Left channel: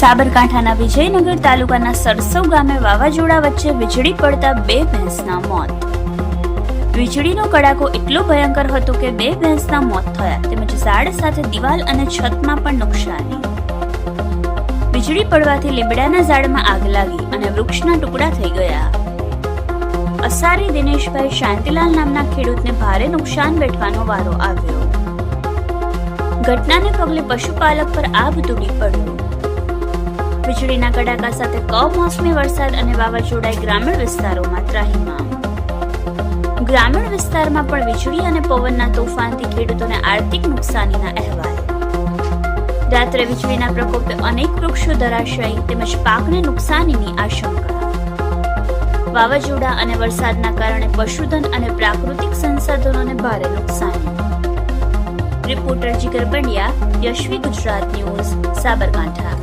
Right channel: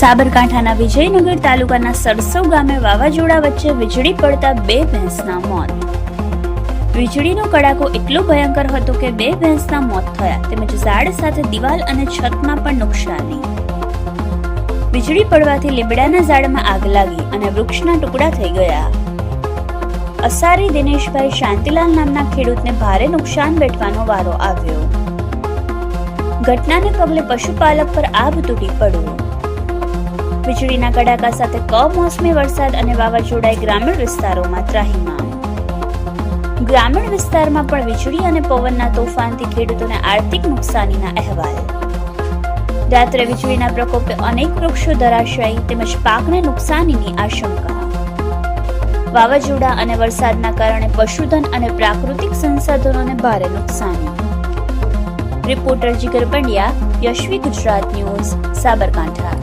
સાબરકાંઠાના વિજયનગર તાલુકાના સરસવ ગામે વાવાઝોડા વચ્ચે વીજળી પડતા 2 ભેંસના મોત. વીજળીનો કડાકો એટલો ભયંકર હતો કે 2 ભેંસના મોત થયા તેમજ ઝાડ સાથે દિવાલ અને છતમાં પણ નુકસાની. વીજળી પડવાથી લીમડાના ઝાડમાં આગ લાગી અને વૃક્ષના ટુકડા થઈ ગયા. અસારી દિનેશભાઈ શાંતિલાલ નામના ખેડૂતને ભારે નુકસાન વેઠવાનો વારો આવ્યો. ઘટનાને પગલે પશુપાલક પર આભ તૂટી પડ્યો. વીજળીના કડાકા સાથે કમોસમી વરસાદ અને વાવાઝોડાએ ગ્રામીણ વિસ્તારોમાં ત્રાહિમામ. ગ્રામીણ વિસ્તારમાં પણ વીજળી અને પવનના તોફાનથી ખેડૂતોને આર્થિક નુકસાનીના અહેવાલ. રાત્રે વીજળીના પ્રકોપે અનેક વૃક્ષો ધરાશાયી તેમજ પાકને નુકસાનીની આશંકા. વાવાઝોડા અને વરસાદના કારણે પશુધન અને પ્રાકૃતિક સંસાધનોને ભારે નુકસાની. રિપોર્ટર જીગર પંડ્યા, યશવી ગુજરાત ન્યૂઝ, સાબરકાંઠા.